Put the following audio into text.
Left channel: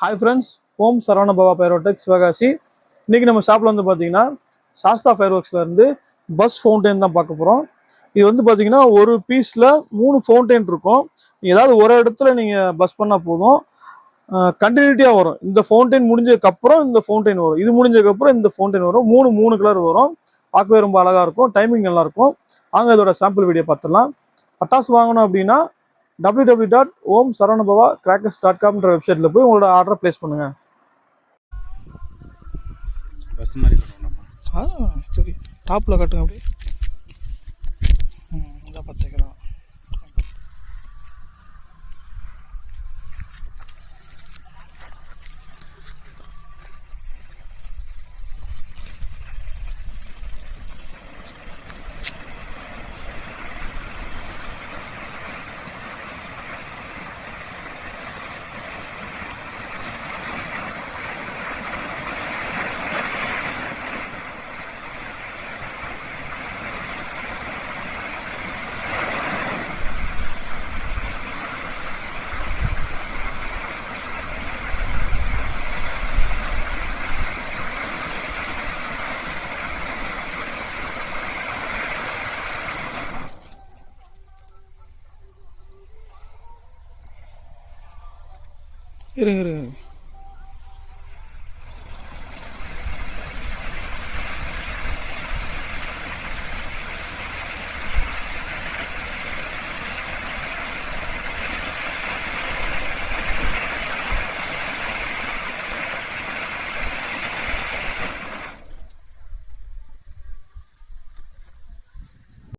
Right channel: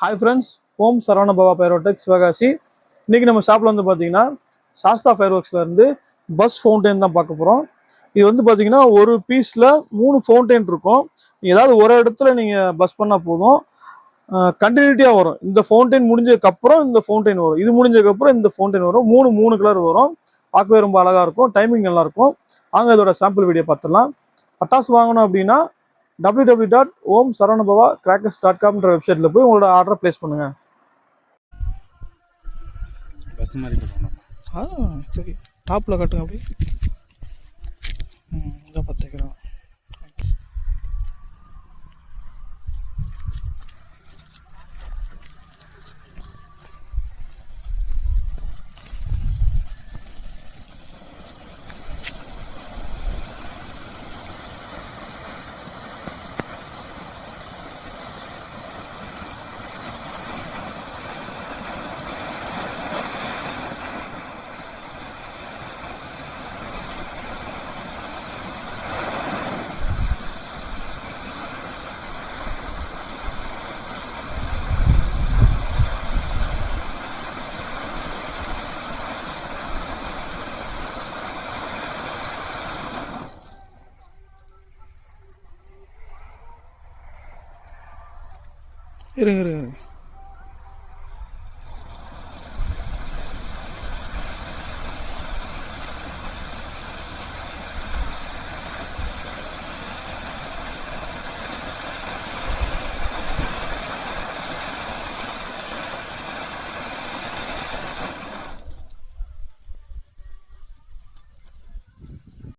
Hi friends, ஓம் சரவண பவா பைரோடெக் சிவகாசி. இன்றைக்கி நம்ம ஷாப்பில் வந்து பார்த்தீங்கன்னா சாஸ்தா ஃபயர் ஒர்க்ஸ்லேருந்து பஸ் ஃபவுண்டைன் தான் பார்க்க போகிறோம். இது வந்து பார்த்தீங்கன்னா ஒரு பீஸில் 3 ஃபவுண்டைன் இருக்கும். ஏதாவது ஒரு இடத்துல நீங்கள் பஸ் பண்ணால் போதும், கண்டினியூட்டியாக வரும். இந்த ஃபவுண்டைன் முடிஞ்சதுக்கப்புறம் இந்த ஃபவுண்டைன் வரும், இது முடிஞ்சதுக்கப்புறம் இந்த ஃபவுண்டைன் வரும். மூணு கலர் வரும். பார்க்கவே ரொம்ப அழகாக இருக்கும், டைமிங் நல்லாயிருக்கும். வாங்க இதோட சாம்பிள் வீடியோ பார்த்துடலாம். பட்டாசு வாங்கணும் அப்படின்னா www.omsaranabhavacrackers.com வெப்சைட்டில் போய் உங்களோட ஆர்டரை ப்ளேஸ் பண்ணுங்கள். பஸ் மாதிரி கட்டணும். சரி, டாப்பில் கட்டுங்க அப்படி. இதான் 10 கிலோ. இருங்க